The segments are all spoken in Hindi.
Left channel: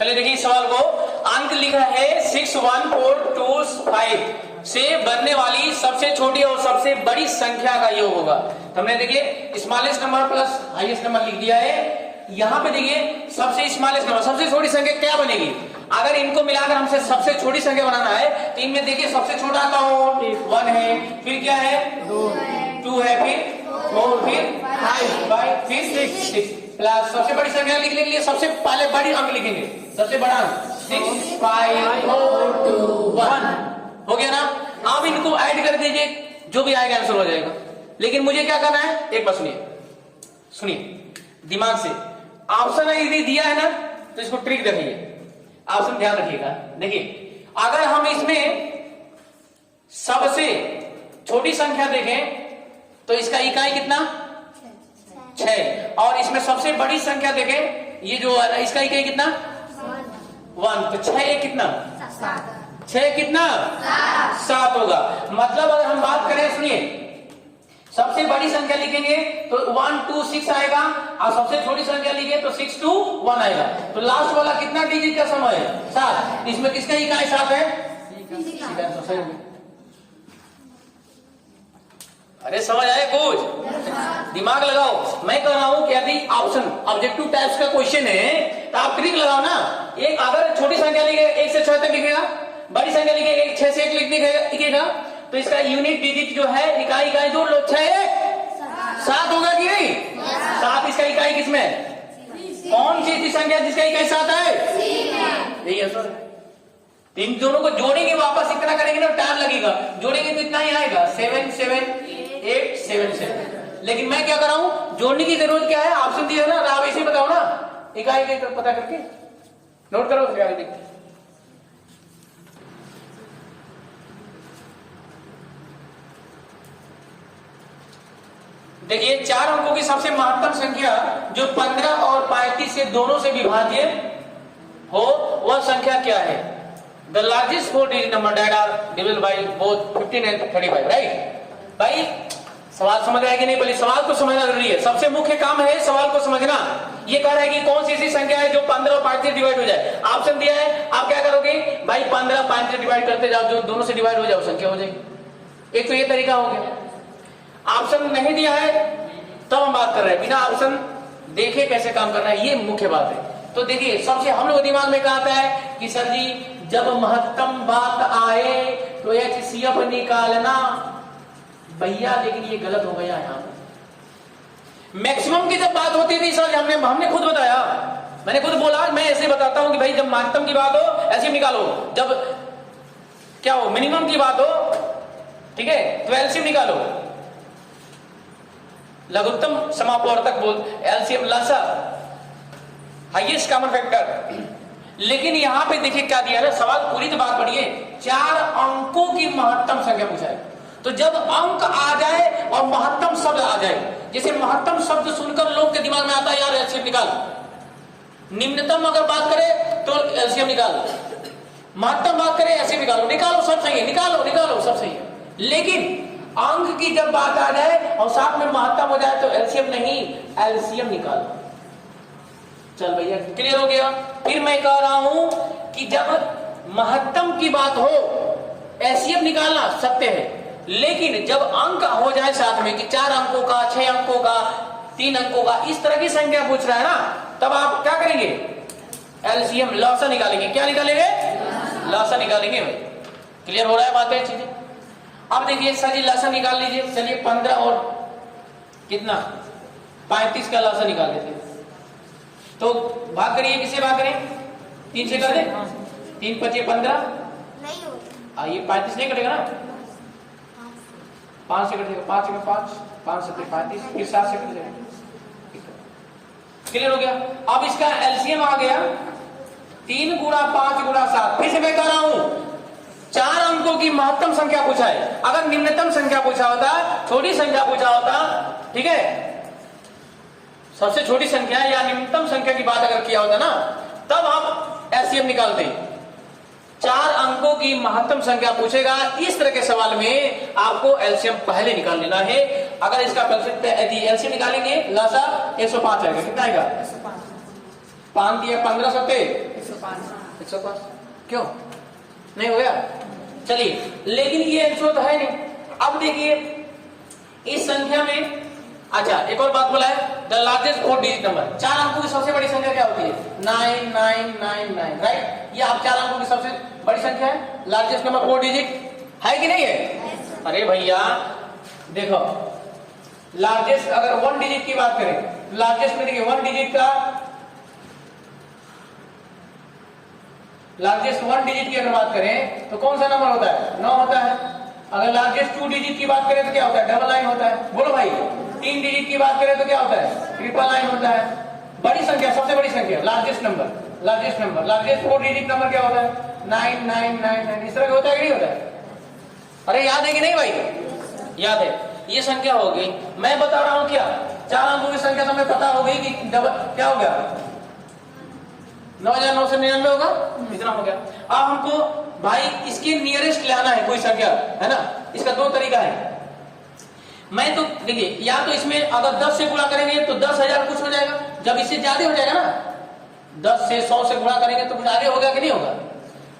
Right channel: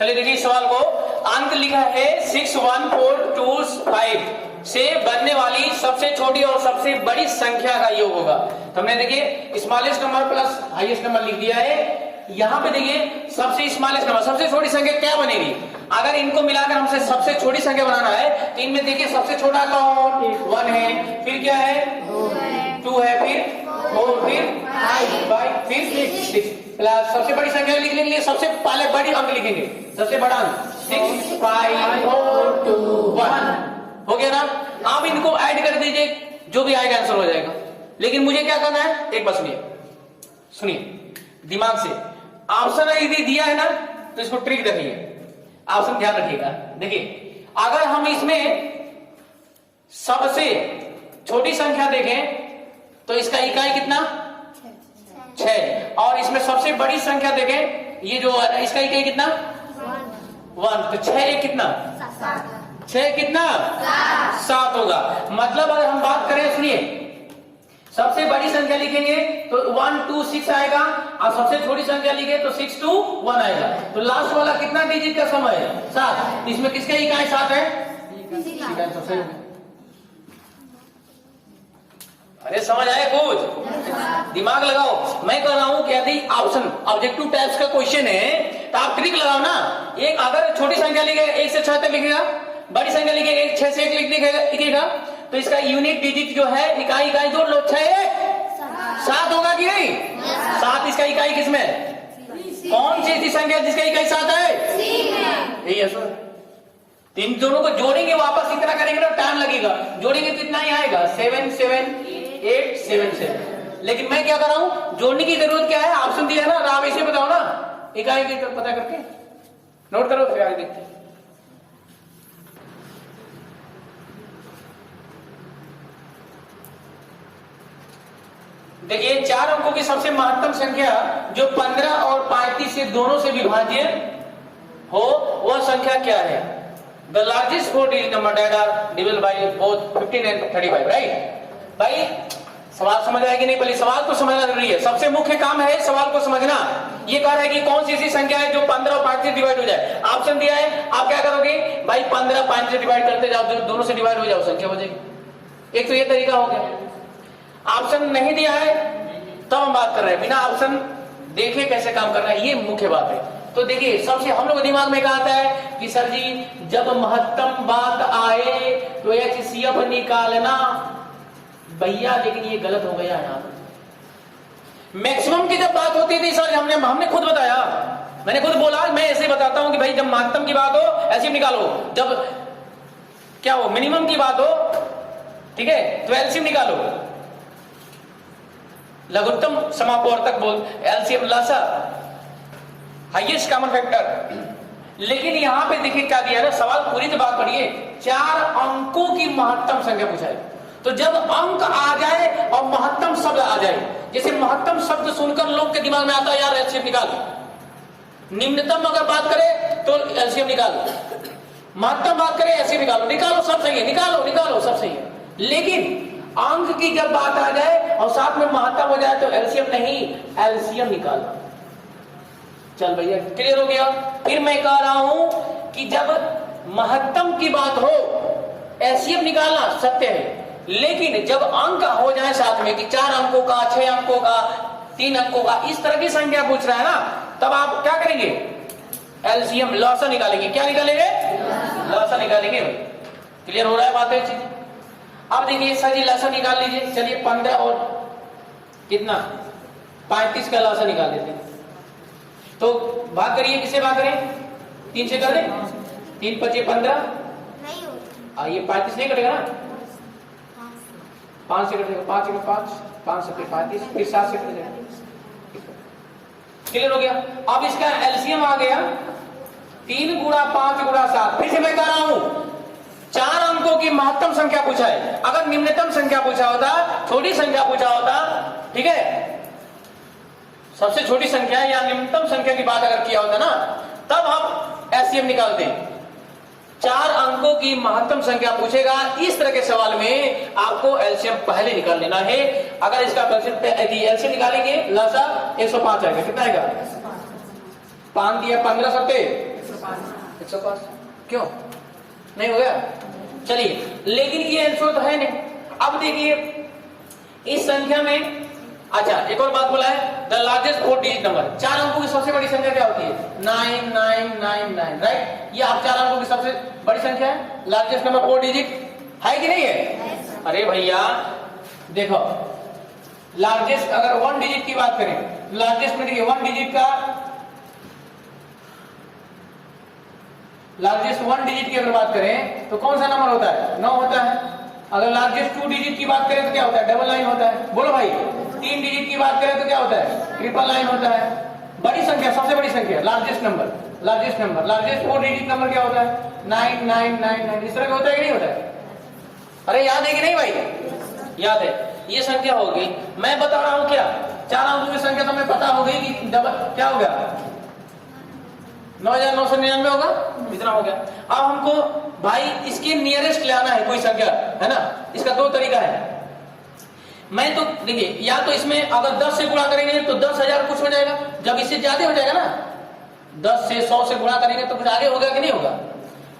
चलिए देखिए इस सवाल को, अंक लिखा है 61425 से बनने वाली सबसे छोटी और सबसे बड़ी संख्या का योग होगा। तो हमने देखिए smallest number plus highest number लिख दिया है। यहाँ पे देखिए सबसे स्मॉलेस्ट नंबर, सबसे छोटी संख्या क्या बनेगी? अगर इनको मिलाकर हमसे सबसे छोटी संख्या बनाना है तो इनमें देखिए सबसे छोटा कौन? 1 है, फिर क्या है? 2 है, फिर 4, फिर 5, फिर 6 प्लस सबसे बड़ी संख्या लिखने के लिए सबसे पहले बड़ी अंक लिखेंगे, सबसे बड़ा अंक 6, 5, 4, 2, 1 हो गया ना। आप इनको ऐड कर दीजिए, जो भी आएगा आंसर हो जाएगा। लेकिन मुझे क्या करना है, एक बार सुनिए दिमाग से। ऑप्शन यदि दिया है ना तो इसको ट्रिक देखेंगे, ऑप्शन ध्यान रखिएगा। देखिए अगर हम इसमें सबसे छोटी संख्या देखें तो इसका इकाई कितना? 6। और इसमें सबसे बड़ी संख्या देखें, ये जो इसका इकाई कितना? 1। तो 6 कितना? 6 कितना? 7 होगा। मतलब अगर हम बात करें, सुनिए, सबसे बड़ी संख्या लिखेंगे तो 1 2 6 आएगा, और सबसे छोटी संख्या लिखे तो 6 2 1 आएगा। तो लास्ट वाला कितना डिजिट का समय है? 7। इसमें किसका इकाई 7 है? अरे समझ आए कुछ? दिमाग लगाओ। मैं कह रहा हूं कि यदि ऑप्शन ऑब्जेक्टिव टाइप्स का क्वेश्चन है तो आप ट्रिक लगाओ ना। एक अगर छोटी संख्या लिखे 1 से 6 तक लिखेगा, बड़ी संख्या लिखे 6 से 1 लिखेगा, तो इसका यूनिट डिजिट जो है, इकाई जोड़ लो, 6 7 होगा कि नहीं? 7 इसका इकाई किसमें? कौन सी ऐसी संख्या जिसका इकाई 7 है? यही है सर। इन दोनों को जोड़ेंगे, वापस इतना करेंगे ना टाइम लगेगा, जोड़ेंगे तो इतना ही आएगा 7 7 8 7 7। लेकिन मैं क्या कर रहा हूं, जोड़ने की जरूरत क्या है? ऑप्शन दिया है ना, आप ऐसे बताओ ना, इकाई के पता करके नोट करो तो आगे देखते। देखिए 4 अंकों की सबसे महत्तम संख्या जो 15 और 35 से दोनों से विभाज्य हो, वह संख्या क्या है? The largest 4 digit number that are divisible by both 15 and 35, right? भाई सवाल समझ आएगी नहीं, पहले सवाल को समझना जरूरी है। सबसे मुख्य काम है सवाल को समझना। ये कह रहा है कि कौन सी ऐसी संख्या है जो 15 और 5 से डिवाइड हो जाए। ऑप्शन दिया है, आप क्या करोगे भाई? 15 5 से डिवाइड करते जाओ, जो दोनों से डिवाइड हो जाओ, संख्या हो जाएगी। एक तो ये तरीका हो गया। ऑप्शन नहीं दिया है तब हम बात कर रहे हैं, बिना ऑप्शन देखे कैसे काम करना है, ये मुख्य बात है। तो देखिए सबसे हम लोग दिमाग में क्या आता है कि सर जी जब महत्तम बात आए तो HCF निकालना। भैया लेकिन ये गलत हो गया यहाँ। मैक्सिमम की जब बात होती थी सर, हमने खुद बताया, मैंने खुद बोला, मैं ऐसे बताता हूं कि भाई जब महत्तम की बात हो HCF निकालो, जब क्या हो मिनिमम की बात हो, ठीक है, तो LCM निकालो। लघुत्तम समापवर्तक बोल LCM, लसा हाईएस्ट कॉमन फैक्टर। लेकिन यहां पे देखिए क्या दिया है, सवाल पूरी बात पढ़िए। 4 अंकों की महत्तम संख्या पूछा है। तो जब अंक आ जाए और महत्तम शब्द आ जाए, जैसे महत्तम शब्द सुनकर लोग के दिमाग में आता है यार LCM निकाल। निम्नतम अगर बात करें तो LCM निकाल, महत्तम बात करें LCM निकालो, सब सही है, निकालो सब सही है। लेकिन अंक की जब बात आ जाए और साथ में महत्तम हो जाए तो LCM नहीं, LCM निकालो। चल भैया क्लियर हो गया। फिर मैं कह रहा हूं कि जब महत्तम की बात हो LCM निकालना सत्य है, लेकिन जब अंक हो जाए साथ में कि 4 अंकों का, 6 अंकों का, 3 अंकों का, इस तरह की संख्या पूछ रहा है ना, तब आप क्या करेंगे? LCM लॉसा निकालेंगे। क्या निकालेंगे? लॉसा निकालेंगे। क्लियर हो रहा है बातें अच्छी? अब देखिए सर जी लॉसा निकाल लीजिए। चलिए 15 और कितना 35 का लॉसा निकाल देते हैं। तो बात करिए, किससे बात करें? 3 से कर दे। 3 5 15 नहीं होता, ये 35 नहीं कटेगा ना, 5 से कटेगा, 5 से 5 5 से 35, फिर 7 से कटेगा। क्लियर हो गया। अब इसका LCM आ गया 3 गुणा 5 गुणा 7। फिर से मैं कह रहा हूं 4 अंकों की महत्तम संख्या पूछा है। अगर निम्नतम संख्या पूछा होता, छोटी संख्या पूछा होता, ठीक है, सबसे छोटी संख्या या निम्नतम संख्या की बात अगर किया होता ना, तब हम LCM निकालते। 4 अंकों की महत्तम संख्या पूछेगा, इस तरह के सवाल में आपको LCM पहले निकाल लेना है। अगर इसका LCM निकालेंगे, लसा 105 आएगा। कितना आएगा? 5 दिया 15 7 105। क्यों नहीं हो गया? चलिए, लेकिन ये आंसर तो है नहीं। अब देखिए इस संख्या में, अच्छा एक और बात बोला है, द लार्जेस्ट 4 डिजिट नंबर, 4 अंकों की सबसे बड़ी संख्या क्या होती है? 9999, राइट? ये आप 4 अंकों की सबसे बड़ी संख्या है, लार्जेस्ट नंबर 4 डिजिट है कि नहीं है? अरे भैया देखो, लार्जेस्ट अगर 1 डिजिट की बात करें, लार्जेस्ट में देखिए 1 डिजिट का, लार्जेस्ट 1 डिजिट की अगर बात करें तो कौन सा नंबर होता है? 9 होता है। अगर लार्जेस्ट 2 डिजिट की बात करें तो क्या होता है? डबल 9 होता है। बोलो भाई, 3 डिजिट की बात करें तो क्या होता है? ट्रिपल 9 होता है। बड़ी संख्या, सबसे बड़ी संख्या, largest number, largest number, largest 4 digit number क्या होता है? 9999। इस तरह का होता है कि नहीं होता है? अरे याद है कि नहीं भाई? याद है। ये संख्या हो गई। मैं बता रहा हूं क्या, 4 अंकों की संख्या तो हमें पता हो गई कि डबल क्या हो गया? 9999 होगा, इतना हो गया। अब हमको भाई इसके नियरेस्ट लाना है कोई संख्या, है ना? इसका 2 तरीका है। मैं तो देखिए, या तो इसमें अगर 10 से गुणा करेंगे तो 10,000 कुछ हो जाएगा, जब इससे ज्यादा हो जाएगा ना, 10 से 100 से गुणा करेंगे तो कुछ आगे होगा कि नहीं होगा?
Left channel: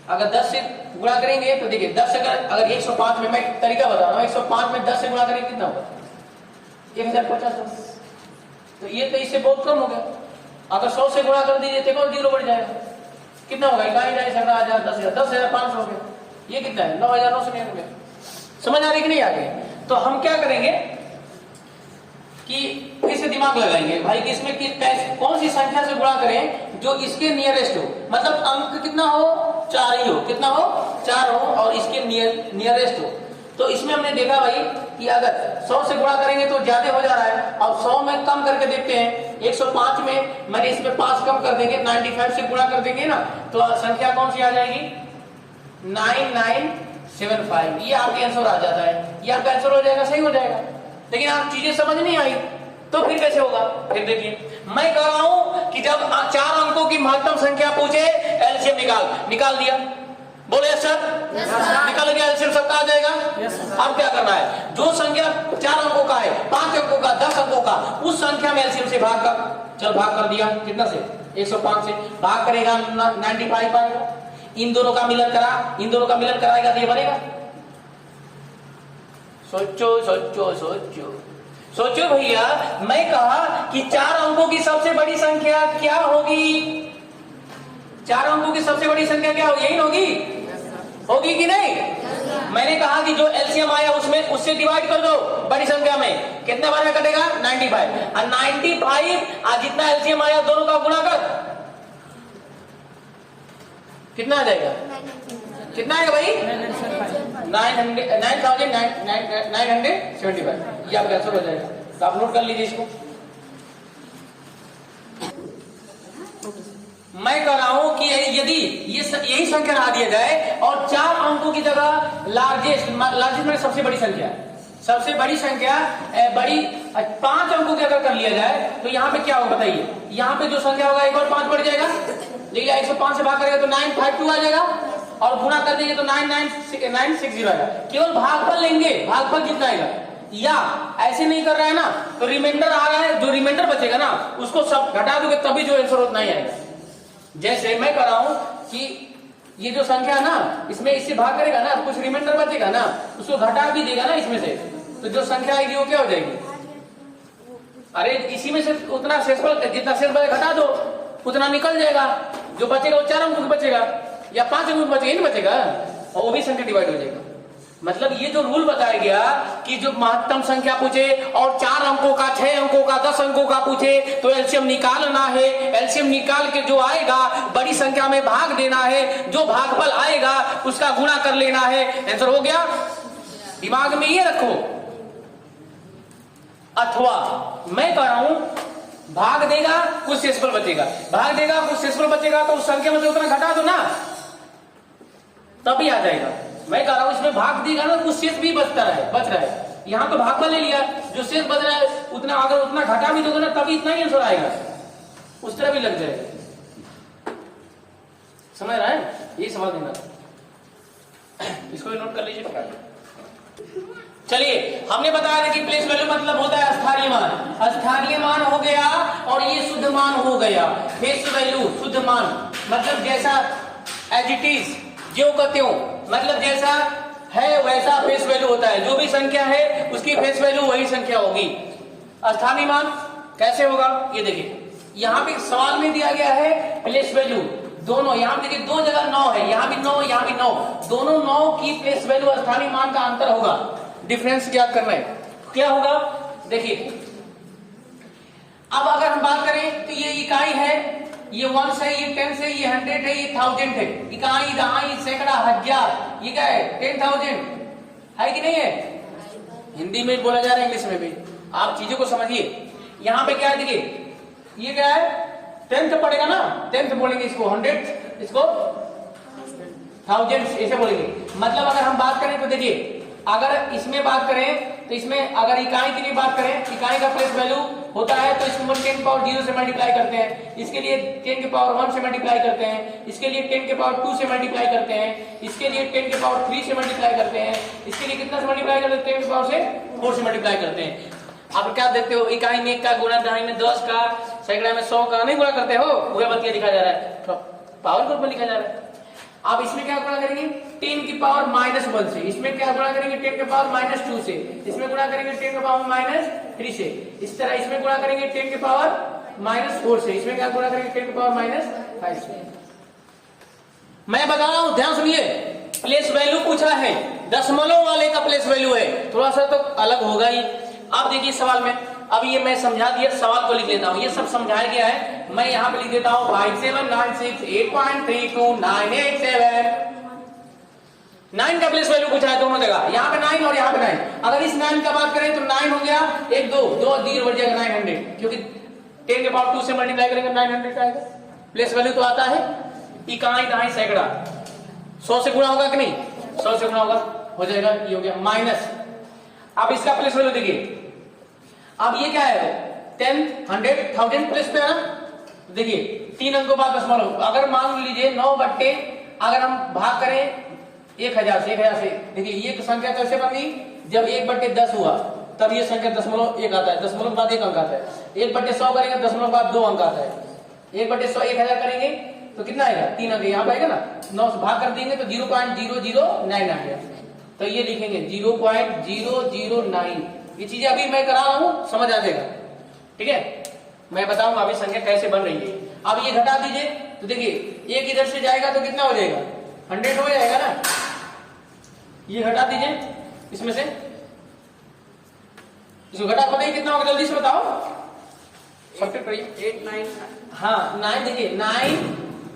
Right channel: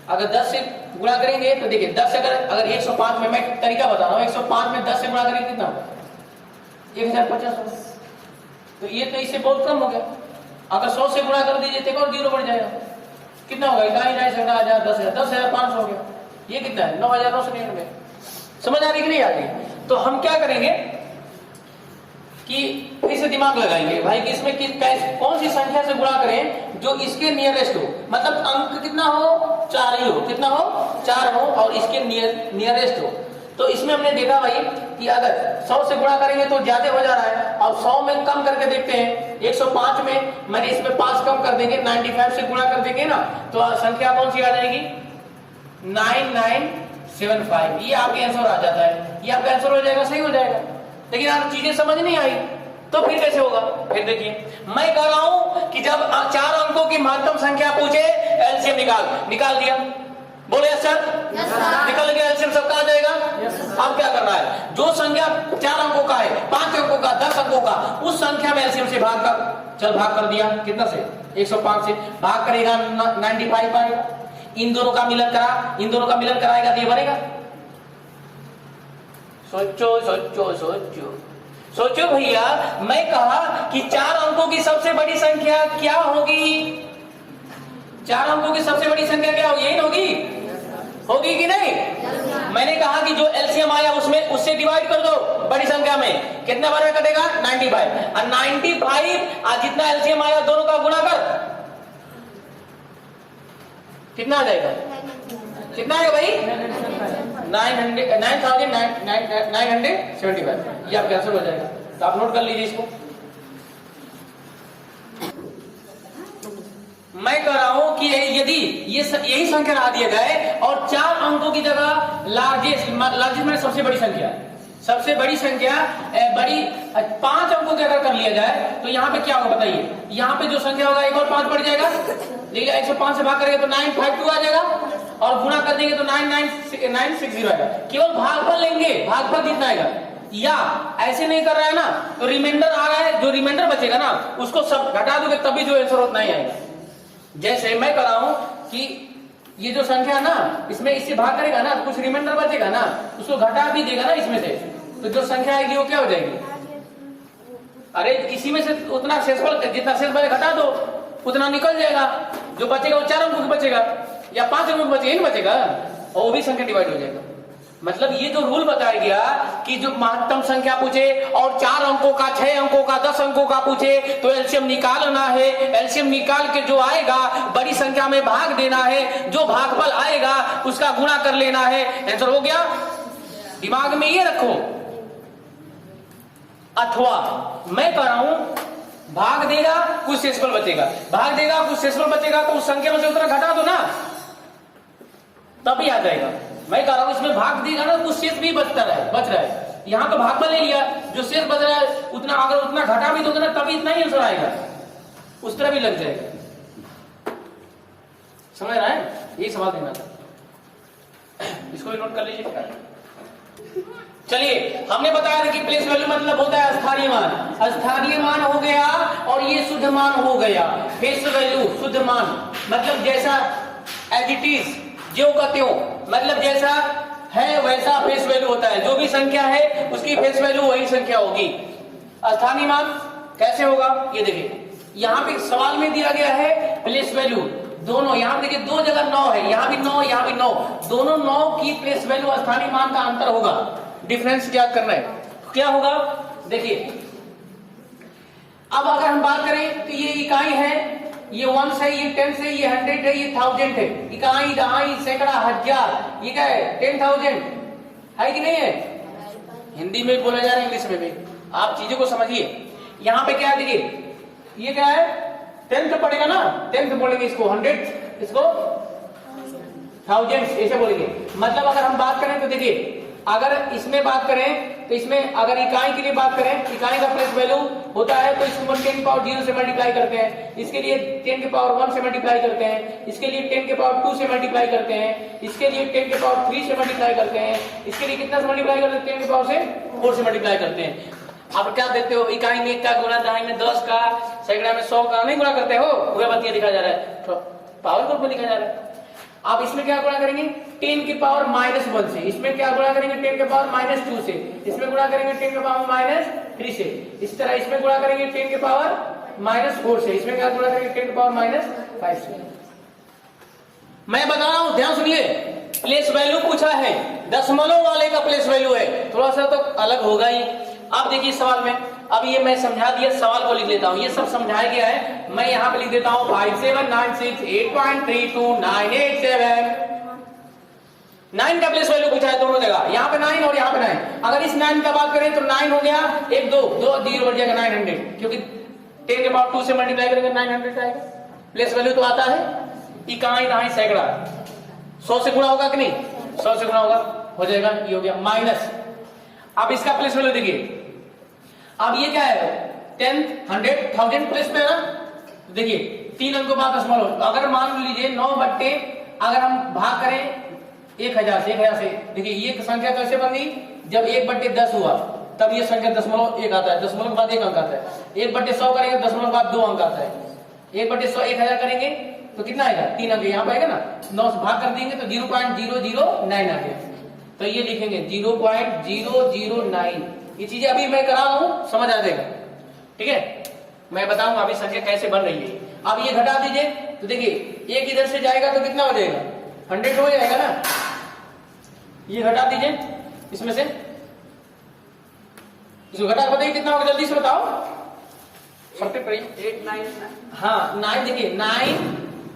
अगर 10 से गुणा करेंगे तो देखिए 10 से अगर 105 में, मैं तरीका बता रहा हूं, 105 में 10 से गुणा करेंगे कितना होगा? 1050 होगा। तो ये तो इससे बहुत कम हो गया। अगर 100 से गुणा कर दीजिए तो और 0 बढ़ जाएगा, कितना होगा? 2,500, 10,000, 10,500 हो गया। ये कितना है? 9,999। समझ आ रही कि नहीं आ रही? तो हम क्या करेंगे कि फिर से दिमाग लगाएंगे भाई कि इसमें कौन सी संख्या से गुणा करें जो इसके नियरेस्ट हो, मतलब अंक कितना हो? 4 ही हो। कितना हो? 4 हो, और इसके नियरेस्ट हो। तो इसमें हमने देखा भाई कि अगर 100 से गुणा करेंगे तो ज्यादा हो जा रहा है, और 100 में कम करके देखते हैं। 105 में मैंने इसमें 5 कम कर देंगे, 95 से गुणा कर देंगे ना, तो संख्या कौन सी आ जाएगी? 9975। ये आपके आंसर आ जाता है, ये आपका आंसर हो जाएगा, सही हो जाएगा। लेकिन आप चीजें समझ नहीं आई तो फिर कैसे होगा? फिर देखिए, मैं कह रहा हूं कि जब 4 अंकों की महत्तम संख्या पूछे, एलसीएम निकाल दिया। बोले सर, निकल गया एलसीएम, सबका आ जाएगा। अब क्या करना है? जो संख्या 4 अंकों का है, 5 अंकों का, 10 अंकों का, उस संख्या में एलसीएम से भाग कर दिया। कितना से? 105 से भाग करेगा, 95 आएगा। इन दोनों का मिलन कराएगा तो ये बनेगा। सोचो भैया, मैं कहा कि 4 अंकों की सबसे बड़ी संख्या क्या होगी? 4 अंकों की सबसे बड़ी संख्या क्या होगी? यही होगी कि नहीं? मैंने कहा कि जो एलसीएम आया उसमें उससे डिवाइड कर दो बड़ी संख्या में, कितना बार में कटेगा? 95। और 95 जितना एलसीएम आया दोनों का गुणा कर, कितना आ जाएगा? कितना आएगा भाई? 9,975। ये आपका आंसर हो जाएगा। तो आप नोट कर लीजिए इसको। मैं कह रहा हूं कि यदि यही संख्या ला दिया जाए और 4 अंकों की जगह लार्जेस्ट में सबसे बड़ी संख्या बड़ी 5 अंकों की अगर कर लिया जाए तो यहाँ पे क्या होगा बताइए? यहाँ पे जो संख्या होगा एक और 5 बढ़ जाएगा, देखिए 105 से भाग करेगा तो 952 आ जाएगा, और गुणा कर देंगे तो 99960 आएगा। केवल भागफल लेंगे, भागफल कितना आएगा? या ऐसे नहीं कर रहा है ना, तो रिमाइंडर आ रहा है, जो रिमाइंडर बचेगा ना उसको सब घटा दोगे तभी जो आंसर उतना ही आएगा। जैसे मैं कर रहा हूं कि ये जो संख्या है ना, इसमें इससे भाग करेगा ना, कुछ रिमाइंडर बचेगा ना, उसको घटा भी देगा ना इसमें से, तो जो संख्या आएगी वो क्या हो जाएगी? अरे इसी में से उतना शेषफल, जितना शेष बचे घटा दो उतना निकल जाएगा। जो बचेगा वो 4 अंकों बचेगा या 5 अंकों बचेगा, नहीं बचेगा, और वो भी संख्या डिवाइड हो जाएगा। मतलब ये जो रूल बताया गया कि जो महत्तम संख्या पूछे और 4 अंकों का, 6 अंकों का, 10 अंकों का पूछे तो एलसीएम निकालना है। एलसीएम निकाल के जो आएगा बड़ी संख्या में भाग देना है, जो भागफल आएगा उसका गुणा कर लेना है, आंसर हो गया। दिमाग में ये रखो। अथवा मैं कह रहा हूं भाग देगा कुछ शेषफल बचेगा, भाग देगा कुछ शेषफल बचेगा, तो उस संख्या में से उतना घटा दो ना, तभी आ जाएगा। मैं कह रहा हूं इसमें भाग देगा ना, कुछ शेष भी बच रहा है। यहाँ तो भागफल ले लिया, जो शेष बच रहा है उतना, अगर उतना घटा भी दोगे ना तभी इतना ही आंसर आएगा, उस तरह भी लग जाएगा। समझ रहा है? ये सवाल देना था, इसको भी नोट कर लीजिए। चलिए, हमने बताया था कि प्लेस वैल्यू मतलब होता है स्थानीय मान। स्थानीय मान हो गया और ये शुद्ध मान हो गया। फेस वैल्यू शुद्ध मान, मतलब जैसा एज इट इज, ज्यों का त्यों, मतलब जैसा है वैसा फेस वैल्यू होता है। जो भी संख्या है उसकी फेस वैल्यू वही संख्या होगी। स्थानीय मान कैसे होगा ये देखिए, यहाँ पे सवाल में दिया गया है प्लेस वैल्यू दोनों, यहाँ पे देखिए दो जगह 9 है, यहाँ भी 9 यहाँ भी 9, दोनों 9 की प्लेस वैल्यू स्थानीय मान का अंतर होगा, डिफरेंस याद करना है। क्या होगा देखिए, अब अगर हम बात करें तो ये इकाई है, ये 1 है, ये 10 है, ये 100 है, ये 1000 है। इकाई, दहाई, सैकड़ा, हजार, ये क्या है 10,000 है कि नहीं है? हिंदी में बोला जा रहा है, इंग्लिश में भी, आप चीजों को समझिए। यहाँ पे क्या है देखिए, ये क्या है 10 तो पड़ेगा ना, 10 बोलेंगे इसको 100, इसको 1000 ऐसे बोलेंगे। मतलब अगर हम बात करें तो देखिए, अगर इसमें बात करें तो इसमें अगर इकाई के लिए बात करें, इकाई का प्लेस वैल्यू होता है तो इसको 10 की पावर 0 से मल्टीप्लाई करते हैं, इसके लिए 10 की पावर 1 से मल्टीप्लाई करते हैं, इसके लिए 10 की पावर 2 से मल्टीप्लाई करते हैं, इसके लिए 10 की पावर 3 से मल्टीप्लाई करते हैं, इसके लिए कितना से मल्टीप्लाई करते हैं 10 की पावर से 4 से मल्टीप्लाई करते हैं। आप क्या देखते हो, इकाई में 1 का गुणा, दहाई में 10 का, सैकड़ा में 100 का नहीं गुणा करते हो, पूरा बतिया दिखाया जा रहा है, पावर के ऊपर लिखा जा रहा है। आप इसमें क्या गुणा करेंगे 10 की पावर -1 से, इसमें क्या गुणा करेंगे 10 की पावर -2 से, इसमें गुणा करेंगे 10 की पावर -3 से, इस तरह इसमें गुणा करेंगे 10 की पावर -4 से, इसमें क्या गुणा करेंगे 10 की पावर -5 से। मैं बता रहा हूं, ध्यान सुनिए, प्लेस वैल्यू पूछा है, दशमलव वाले का प्लेस वैल्यू है, थोड़ा सा तो अलग होगा ही। आप देखिए सवाल में, अब ये मैं समझा दिया, सवाल को लिख लेता हूं, ये सब समझाया गया है, मैं यहां पे लिख देता हूं 5796 9 का प्लेस वैल्यू पूछा है दोनों जगह, यहाँ पे 9 और यहाँ पे 9। अगर इस 9 का बात करें तो 9 हो गया 1 2 0 बढ़ जाएगा 900, क्योंकि 10 के पावर 2 से मल्टीप्लाई करेंगे 900 का आएगा। प्लेस वैल्यू तो आता है, इकाई, दहाई, सैकड़ा 100 से गुणा होगा कि नहीं, 100 से गुणा होगा, हो जाएगा, ये हो गया माइनस। अब इसका प्लेस वैल्यू देखिए, अब ये क्या है 10 100 1000 प्लेस पे है ना, देखिए 3 अंकों बाद दशमलव, अगर मान लीजिए 9 बट्टे अगर हम भाग करें 1000 से, देखिए ये संख्या कैसे बनी, जब 1/10 हुआ तब ये संख्या दशमलव 1 आता है, दशमलव के बाद 1 अंक आता है। 1/100 करेंगे दशमलव के बाद 2 अंक आता है। 1/100 1000 करेंगे तो कितना आएगा 3 अंक, यहाँ पे आएगा ना, 9 से भाग कर देंगे तो 0.009 आ गया, तो ये लिखेंगे 0.009। ये चीजें अभी मैं करा रहा हूं, समझ आ जाएगा, ठीक है। मैं बताऊंगा अभी संख्या कैसे बन रही है। अब ये घटा दीजिए तो देखिए, एक इधर से जाएगा तो कितना हो जाएगा 100 हो जाएगा ना, ये हटा दीजिए इसमें से, इसको घटा कर बताइए कितना होगा, जल्दी से बताओ, परफेक्ट करिए। 8 9, हाँ 9, देखिए 9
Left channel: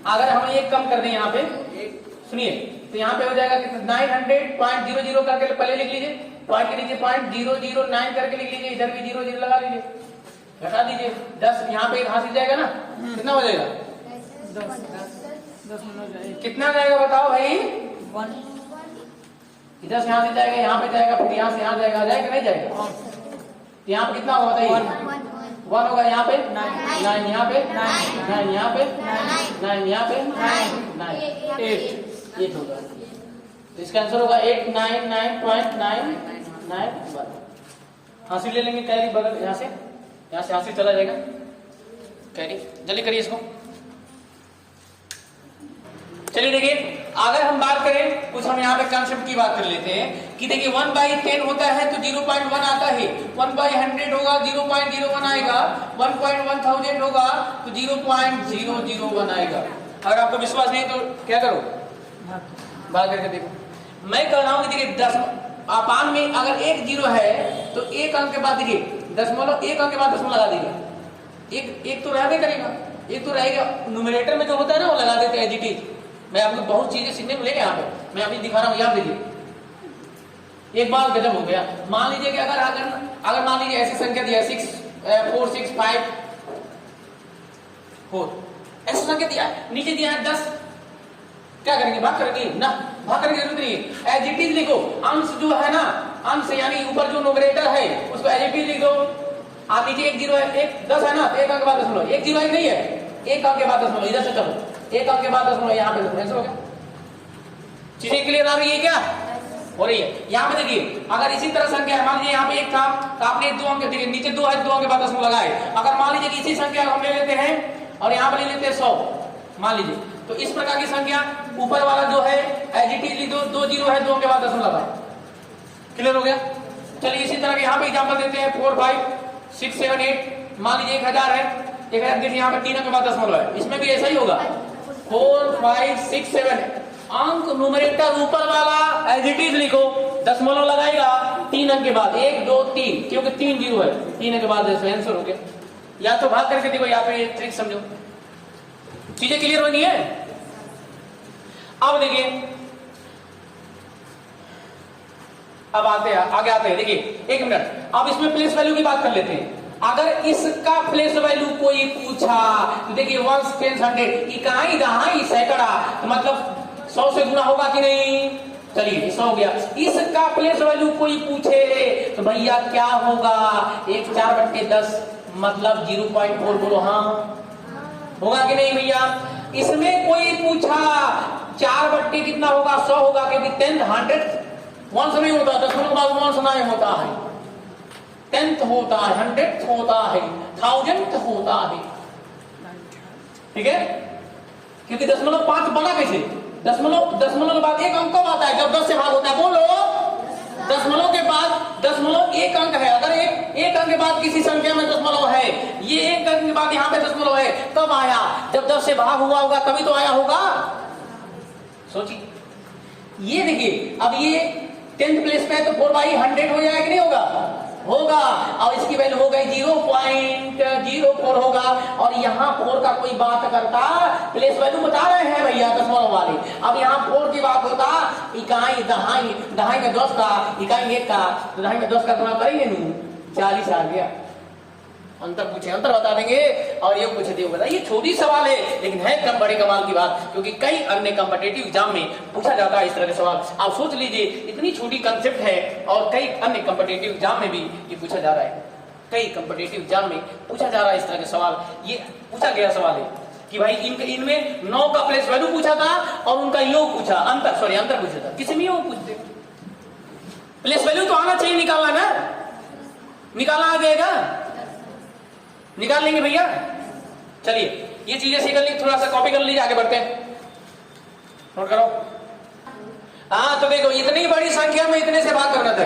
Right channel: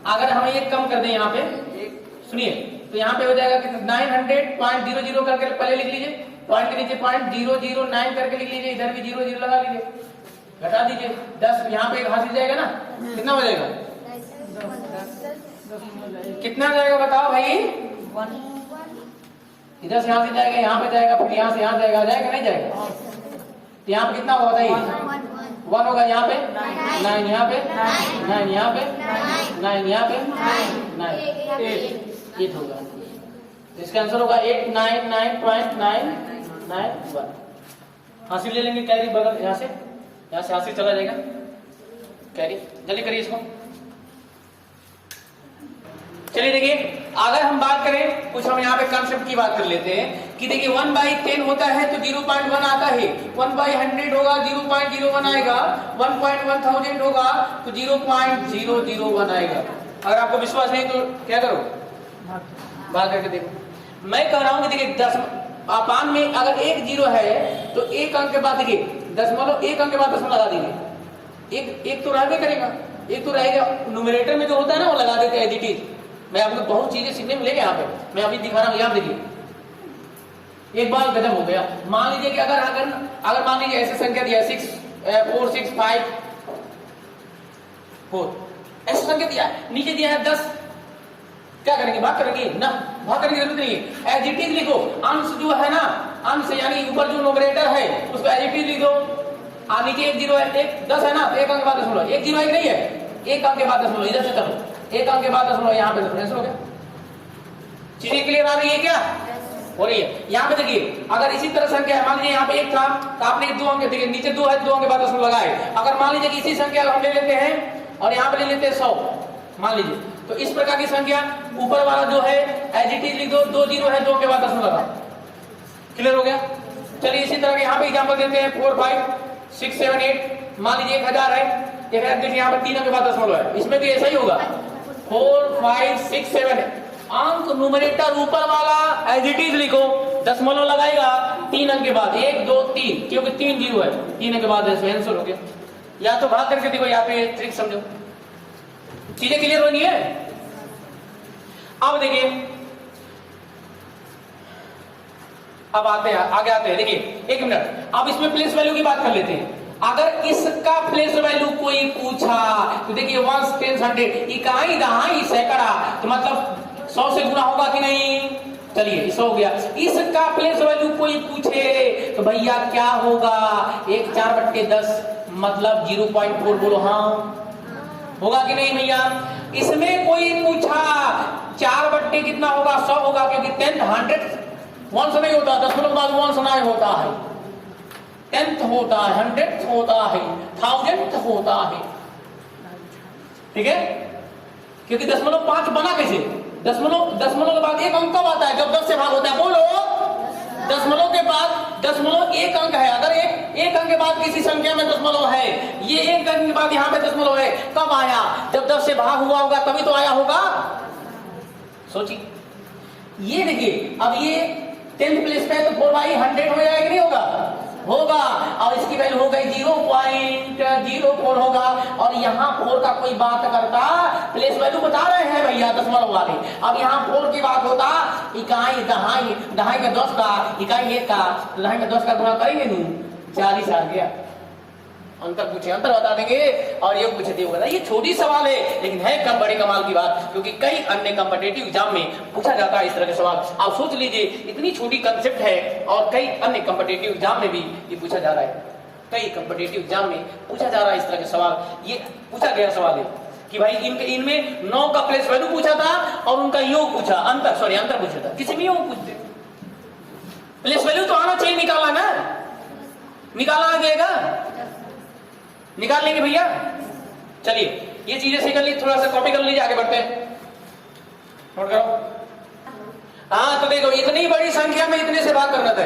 अगर हम एक कम कर दें यहाँ पे, सुनिए तो यहाँ पे हो जाएगा कितना 900.00 करके पहले लिख लीजिए, पॉइंट के नीचे 0.009 करके लिख लीजिए, इधर भी 0 लगा लीजिए, घटा दीजिए 10, यहाँ पे हासिल जाएगा ना, कितना हो जाएगा 10 कितना जाएगा बताओ भाई, इधर से यहाँ से जाएगा, यहाँ पे जाएगा, फिर यहाँ से यहाँ जाएगा, जाएगा नहीं जाएगा, यहाँ पे कितना होगा बताइए 1 होगा, यहाँ पे 9, यहाँ पे 9, यहाँ पे 9, यहाँ पे 9, 8 होगा, इसका आंसर होगा 899.991। हासिल ले लेंगे कैरी बगल, यहाँ से हासिल चला जाएगा कैरी, जल्दी करिए इसको। चलिए देखिए, अगर हम बात करें कुछ, हम यहाँ पे कॉन्सेप्ट की बात कर लेते हैं कि देखिए 1/10 होता है तो 0.1 आता है, 1/100 होगा 0.01 आएगा, 1.1000 होगा तो 0.001 आएगा। अगर आपको विश्वास नहीं तो क्या करो, बात करके देखो। मैं कह रहा हूं कि देखिए 10 अपान में अगर 1 0 है तो 1 अंक के बाद देखिए दशमलव, 1 अंक के बाद दशमलव लगा दीजिए, एक तो रहने करेगा, एक तो रहेगा, न्यूमरेटर में जो होता है ना वो लगा देते हैं एडिटिव। मैं आप लोग बहुत चीजें सीखने मिलेगा यहाँ पे, मैं अभी दिखा रहा हूँ, यहाँ देखिए एक बार गजब हो गया। मान लीजिए कि अगर मान लीजिए ऐसे संख्या दिया 6 4 6 5 4 ऐसे संख्या दिया, नीचे दिया है 10, क्या करेंगे भाग करेंगे ना, भाग करने की जरूरत नहीं है, एज इट इज लिखो, अंश जो है ना, अंश यानी ऊपर जो न्यूमरेटर है उसको एज इट इज लिख दो, नीचे 1 0 है, 10 है ना, तो 1 अंक के बाद दशमलव, 1 0 नहीं है, 1 अंक के बाद दशमलव, इधर से चलो 1 अंक के बाद दशमलव, यहाँ पे आंसर हो गया। चीजें क्लियर आ रही है क्या, हो रही है। यहाँ पे देखिए अगर इसी तरह संख्या मान लीजिए यहाँ पे 1 था तो आपने 2 अंक, देखिए नीचे 2 है, 2 अंक के बाद दशमलव लगाए। अगर मान लीजिए कि इसी संख्या हम ले लेते हैं और यहाँ पे ले लेते हैं 100, मान लीजिए तो इस प्रकार की संख्या ऊपर वाला जो है एज इट इज लिख दो, 2 जीरो है, 2 के बाद दशमलव लगाओ। क्लियर हो गया? चलिए इसी तरह यहाँ पे एग्जाम्पल देते हैं 4 5 6 7 8। मान लीजिए 1000 है, 1000 देखिए यहाँ पे 3 के बाद दशमलव है, इसमें भी ऐसा ही होगा 4 5 6 7। अंक न्यूमरेटर ऊपर वाला एज इट इज लिखो, दशमलव लगाएगा 3 अंक के बाद 1 2 3, क्योंकि 3 जीरो है, 3 के बाद आंसर हो गया। या तो भाग करके देखो, या फिर ट्रिक समझो। चीजें क्लियर होनी है? अब देखिए, अब आते हैं आगे आते हैं। देखिए 1 मिनट, अब इसमें प्लेस वैल्यू की बात कर लेते हैं। अगर इसका प्लेस वैल्यू कोई पूछा तो देखिए 1 10 100 इकाई दहाई सैकड़ा, तो मतलब 100 से गुना होगा कि नहीं? चलिए 100 हो गया। इसका प्लेस वैल्यू कोई पूछे तो भैया क्या होगा? 1 4/10 मतलब 0.4, बोलो हाँ, होगा कि नहीं भैया? इसमें कोई पूछा 4 बट्टे कितना होगा? 100 होगा, क्योंकि 10 100 1 नहीं होता, दशमलव के बाद 1 नहीं होता है, 10th होता है, 100th होता है, 1000th होता है। ठीक है? क्योंकि दशमलव 5 बना कैसे? दशमलव के बाद एक अंक कब आता है? जब 10 से भाग होता है। बोलो, दशमलव के बाद दशमलव एक अंक है। अगर एक अंक के बाद किसी संख्या में दशमलव है, ये एक अंक के बाद यहाँ पे दशमलव है, कब आया? जब 10 से भाग हुआ होगा, तभी तो आया होगा। सोचिए, ये देखिए, अब ये 10th प्लेस पे है तो 4/100 हो जाएगा कि नहीं होगा? होगा। और इसकी वैल्यू हो गई 0.04 होगा। और यहाँ 4 का कोई बात करता, प्लेस वैल्यू बता रहे हैं भैया दशमलव वाले। अब यहाँ 4 की बात होता, इकाई दहाई, दहाई में 10 का, इकाई 1 का, तो दहाई में 10 का गुणा करेंगे नहीं, 40 आ गया। अंतर पूछे, अंतर बता देंगे। और ये पूछे थे, ये छोटी सवाल है, लेकिन है कम बड़े कमाल की बात, क्योंकि कई अन्य कॉम्पिटिटिव एग्जाम में पूछा जाता है इस तरह के सवाल। आप सोच लीजिए, इतनी छोटी कंसेप्ट है और कई अन्य कॉम्पिटिटिव एग्जाम में भी ये पूछा जा रहा है। कई कॉम्पिटिटिव एग्जाम में पूछा जा रहा है इस तरह के सवाल। ये पूछा गया सवाल है कि भाई इनमें 9 का प्लेस वैल्यू पूछा था और उनका योग पूछा, अंतर पूछा था। किसी में योग पूछते, प्लेस वैल्यू तो आना चाहिए, निकालना ना, निकालना आ जाएगा, निकाल लेंगे भैया। चलिए ये चीजें सीख ली, थोड़ा सा कॉपी कर लीजिए, आगे बढ़ते हैं। नोट करो। हाँ तो देखो, इतनी बड़ी संख्या में इतने से भाग करना था।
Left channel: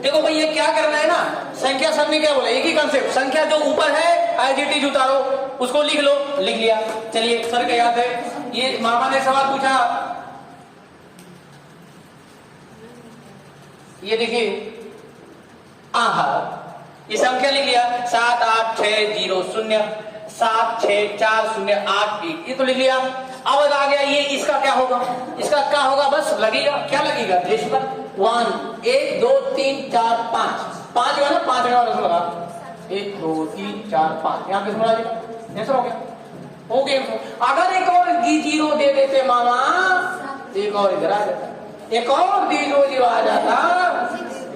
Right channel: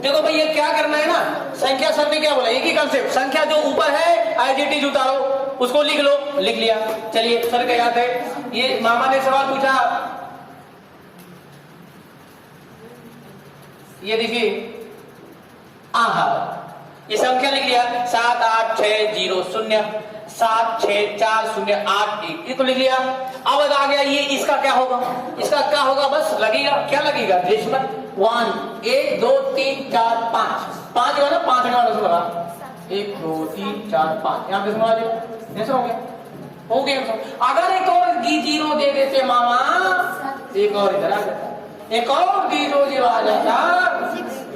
देखो भाई, ये क्या करना है ना, संख्या सर ने क्या बोला, एक ही कंसेप्ट, संख्या जो ऊपर है एज इट इज उतारो, उसको लिख लो, लिख लिया। चलिए सर क्या याद है, ये मामा ने सवाल पूछा, ये देखिए आहा, ये संख्या लिख लिया 7 8 6 0 0 7 6 4 0 8 1, ये तो लिख लिया। अब आ गया ये, इसका क्या होगा? इसका क्या होगा? बस लगेगा, क्या लगेगा? डेसिमल 1 1 2 3 4 5 है ना, 5 में वाला लगा 1 2 3 4 5, यहाँ पे समझ आंसर हो गया, हो गया। अगर एक और जीरो दे देते मामा, एक और इधर आ जाता, एक और जीरो आ जाता,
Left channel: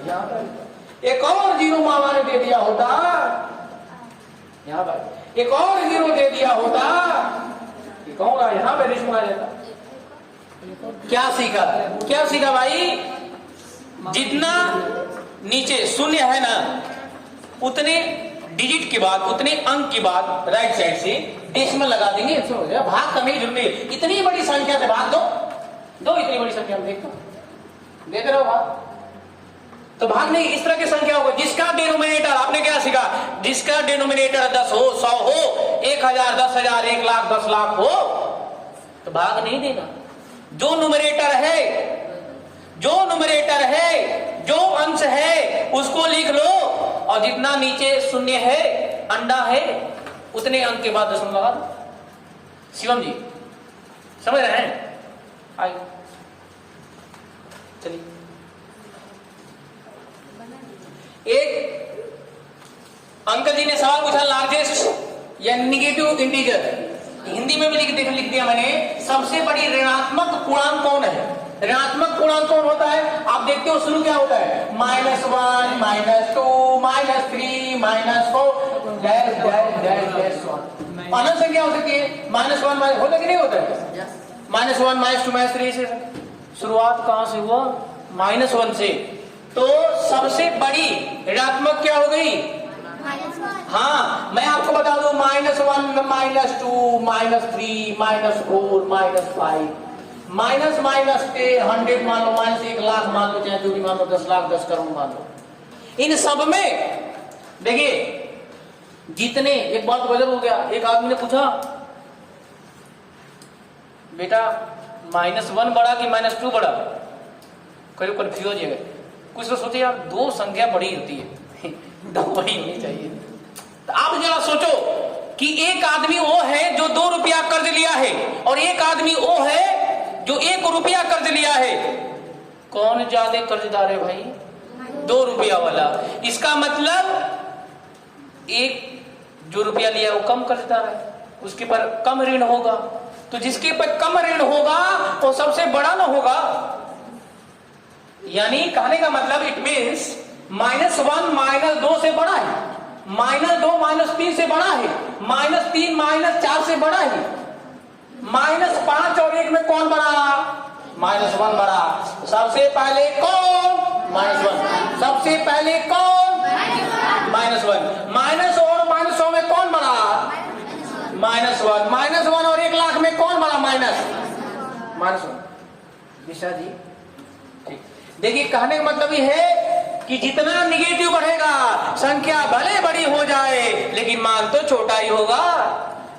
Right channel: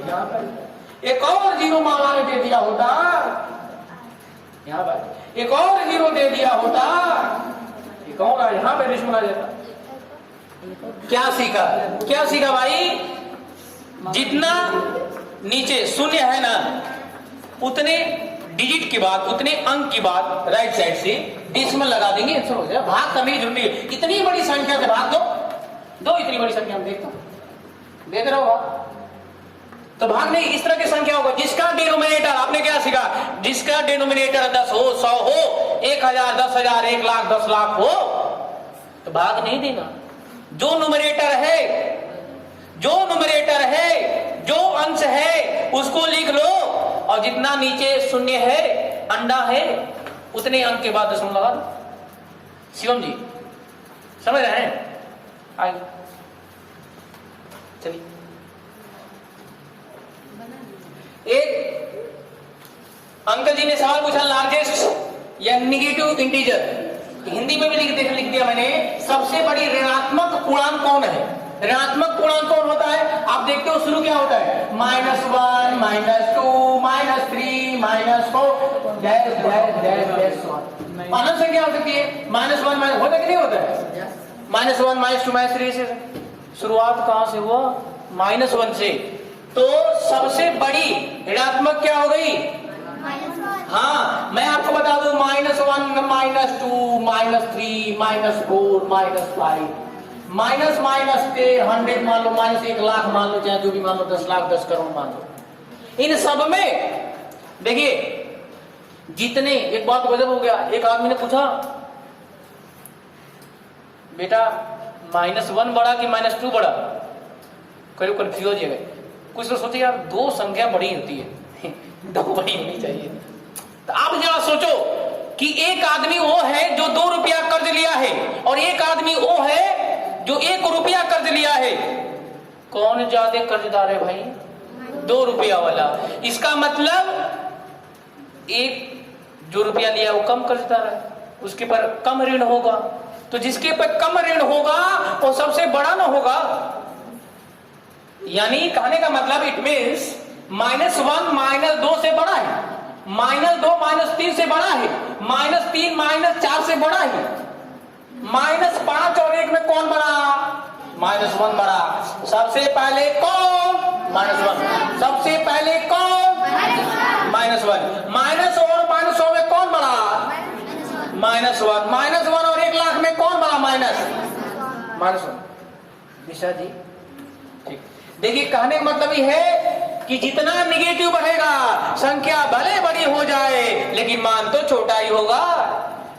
यहाँ पर एक और जीरो मामा ने दे दिया होता, यहाँ पर एक और जीरो दे दिया होता, एक और यहाँ पे रेशम आ जाता। क्या सीखा भाई? जितना नीचे शून्य है ना, उतने डिजिट के बाद, उतने अंक की बाद राइट साइड से डेसिमल लगा देंगे, आंसर हो जाएगा। भाग कमी जरूरी है, इतनी बड़ी संख्या से भाग दो इतनी बड़ी संख्या में देख रहे हो भाग, तो भाग नहीं, इस तरह की संख्या होगा जिसका डिनोमिनेटर, आपने क्या सीखा, जिसका डिनोमिनेटर 10 हो, 100 हो, 1000 10,000 1 लाख 10 लाख हो, तो भाग नहीं देना। जो न्यूमरेटर है, जो अंश है, उसको लिख लो, और जितना नीचे शून्य है, अंडा है, उतने अंक के बाद दशमलव लगा दो। शिवम जी समझ रहे हैं? आइए चलिए, एक अंकल जी ने सवाल पूछा, लार्जेस्ट या निगेटिव इंटीजर, हिंदी में भी लिख दिया मैंने, सबसे बड़ी ऋणात्मक पूर्णांक कौन है? ऋणात्मक पूर्णांक कौन होता है? आप देखते हो शुरू क्या होता है, -1 -2 -3 -4 डैश डैश डैश डैश 1। अनंत संख्या हो सकती है, -1 होता कि नहीं होता है? -1 -2 -3 से शुरुआत कहां से हुआ? -1 से। तो सबसे बड़ी ऋणात्मक क्या हो गई? हाँ, मैं आपको बता दूं -1, -2, -3, -4, -5, माइनस माइनस के 100 मान लो, -1 लाख मान लो, चाहे जो भी मान लो, 10 लाख, 10 करोड़ मान लो। इन सब में देखिए जितने, एक बात गजब हो गया, एक आदमी ने पूछा बेटा -1 बड़ा कि -2 बड़ा? करीब कंफ्यूज हो गए। कुछ तो सोचे यार 2 संख्या बड़ी होती है 2 बड़ी होनी चाहिए। तो आप जरा सोचो कि एक आदमी वो है जो 2 रुपया कर्ज लिया है और एक आदमी वो है जो 1 रुपया कर्ज लिया है। कौन ज्यादा कर्जदार है भाई? 2 रुपया वाला। इसका मतलब एक जो रुपया लिया वो कम कर्जदार है, उसके पर कम ऋण होगा। तो जिसके पर कम ऋण होगा वो सबसे बड़ा ना होगा। यानी कहने का मतलब इट मीन्स -1 -2 से बड़ा है, -2 -3 से बड़ा है, -3 -4 से बड़ा है, -5 और 1 में कौन बड़ा? -1 बड़ा। सबसे पहले कौन? -1। सबसे पहले कौन? -1। माइनस और -100 में कौन बड़ा? -1। -1 और 1 लाख में कौन बड़ा? -1। दिशा जी ठीक। देखिए कहने का मतलब ये है कि जितना निगेटिव बढ़ेगा, संख्या भले बड़ी हो जाए लेकिन मान तो छोटा ही होगा।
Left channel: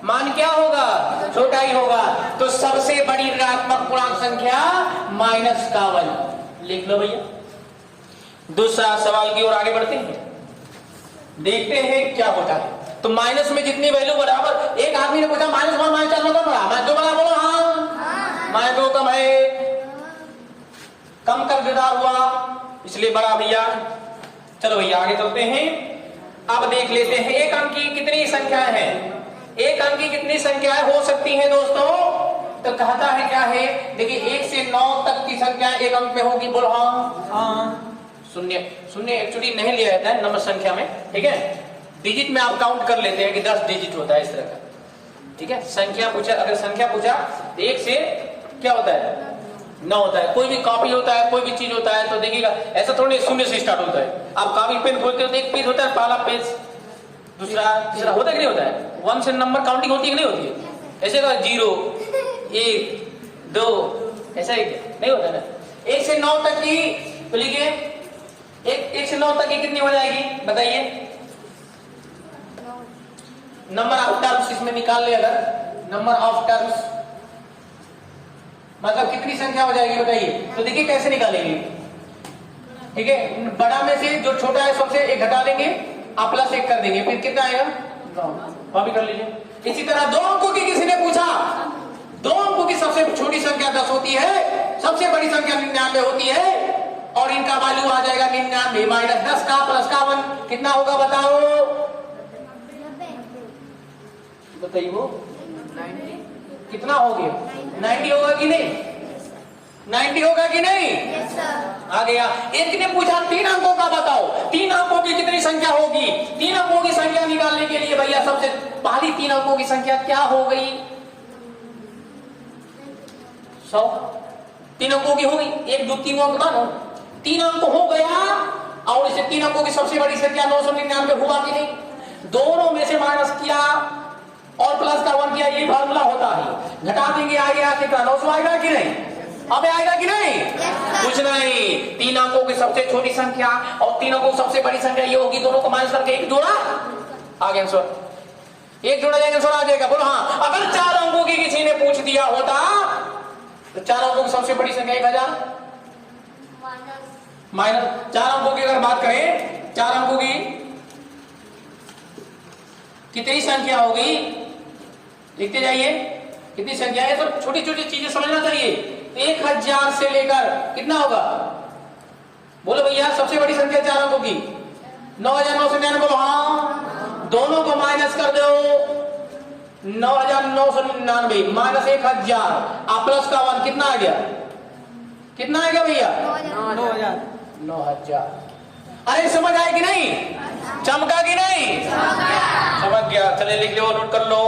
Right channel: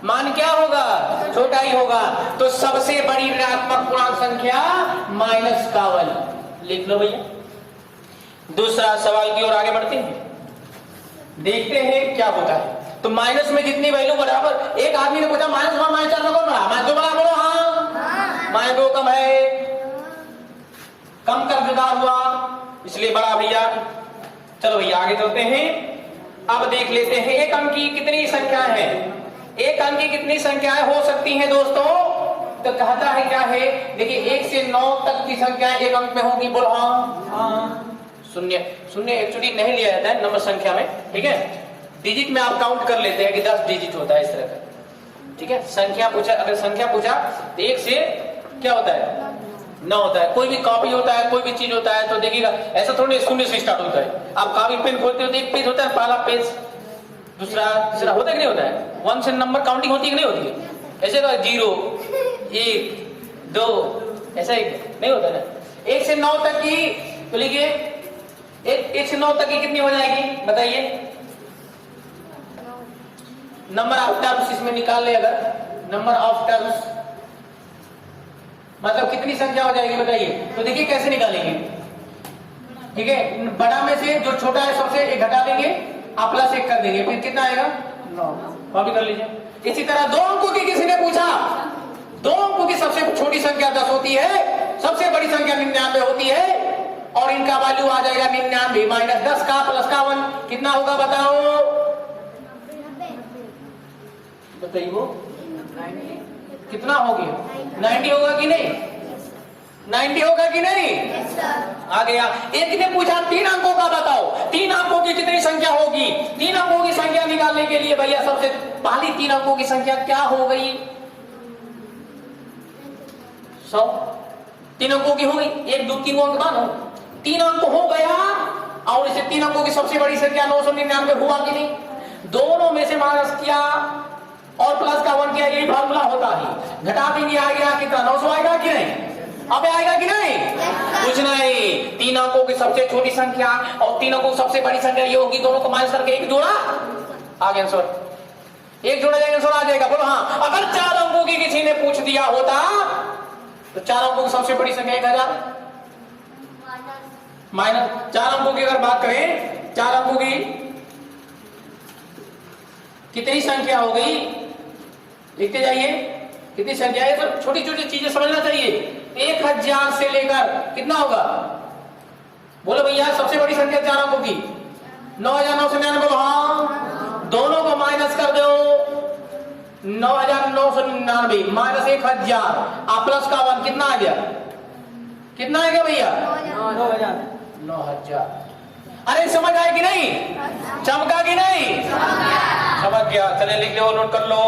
मान क्या होगा? छोटा ही होगा। तो सबसे बड़ी ऋणात्मक पूर्णांक संख्या -51। लिख लो भैया। दूसरा सवाल की ओर आगे बढ़ते हैं, देखते हैं क्या होता है। तो माइनस में जितनी वैल्यू बराबर, एक आदमी ने पूछा -1 -4 में कौन बड़ा? -2 बड़ा। बोलो हाँ। -2 कम है, कम कर्जदार हुआ इसलिए बड़ा भैया। चलो भैया आगे चलते हैं। अब देख लेते हैं एक अंक की कितनी संख्या है। एक अंक की कितनी संख्याएं हो सकती हैं दोस्तों? तो कहता है क्या है, देखिए 1 से 9 तक की संख्या एक अंक में होगी। बोलो हाँ। शून्य एक्चुअली नहीं लिया जाता है नंबर संख्या में, ठीक है। डिजिट में आप काउंट कर लेते हैं कि 10 डिजिट होता है इस तरह का, ठीक है। संख्या पूछा, अगर संख्या पूछा तो 1 से क्या होता है? 9 होता है। कोई भी कॉपी होता है, कोई भी चीज होता है तो देखिएगा ऐसा थोड़ी 0 से स्टार्ट होता है। आप कॉपी पेन खोलते हो तो एक पेज होता है, पहला पेज, दूसरा तीसरा, होता है कि नहीं होता है? 1 से नंबर काउंटिंग होती है कि नहीं होती है? ऐसे का 0 1 2 ऐसा ही नहीं होता है ना। 1 से 9 तक की तो लिखिए, 1 से 9 तक की कितनी हो जाएगी बताइए? नंबर ऑफ टर्म्स इसमें निकाल ले, अगर नंबर ऑफ टर्म्स मतलब कितनी संख्या हो जाएगी बताइए? तो देखिए कैसे निकालेंगे, ठीक है। बड़ा में से जो छोटा है सबसे एक घटा देंगे, आप +1 कर देंगे, फिर कितना आएगा? 9। कॉपी कर लीजिए। इसी तरह 2 अंकों की किसी ने पूछा, 2 अंकों की सबसे छोटी संख्या 10 होती है, सबसे बड़ी संख्या 99 होती है, और इनका वैल्यू आ जाएगा 99 -10 का +1 कितना होगा बताओ? बताइए वो कितना हो गया? 90 होगा कि नहीं? 90 होगा कि नहीं? आ गया। एक ने पूछा 3 अंकों का बताओ, 3 अंकों की कितनी संख्या होगी? 3 अंकों की संख्या निकालने के लिए भैया सबसे पहली 3 अंकों की संख्या क्या हो गई? 100। 3 अंकों की हो गई, 1 2 3 अंक मानो 3 अंक हो गया। और इसे 3 अंकों की सबसे बड़ी संख्या 999 हुआ कि नहीं? दोनों में से माइनस किया और प्लस का 1 किया, ये फार्मूला होता है। घटा देंगे आएगा कितना? 900 आएगा कि नहीं? अब आएगा कि नहीं? कुछ नहीं। 3 अंकों की सबसे छोटी संख्या और 3 अंकों की सबसे बड़ी संख्या ये होगी, दोनों को माइनस करके एक जोड़ा आ गया आंसर। एक जोड़ा जाएगा आंसर आ जाएगा। बोलो हाँ। अगर 4 अंकों की किसी ने पूछ दिया होता तो 4 अंकों की सबसे बड़ी संख्या 1000 माइनस 4 अंकों की अगर बात करें, 4 अंकों की कितनी संख्या होगी? लिखते जाइए कितनी संख्या है। सब छोटी छोटी चीजें समझना चाहिए। 1000 से लेकर कितना होगा? बोलो भैया सबसे बड़ी संख्या 4 अंकों की 9999। बोलो हाँ। दोनों को माइनस कर दो, 9999 माइनस 1000 आप प्लस का 1 कितना आ गया? कितना आ गया भैया? 9000। अरे समझ आए कि नहीं? चमका कि नहीं? समझ गया। चले लिख लो, नोट कर लो।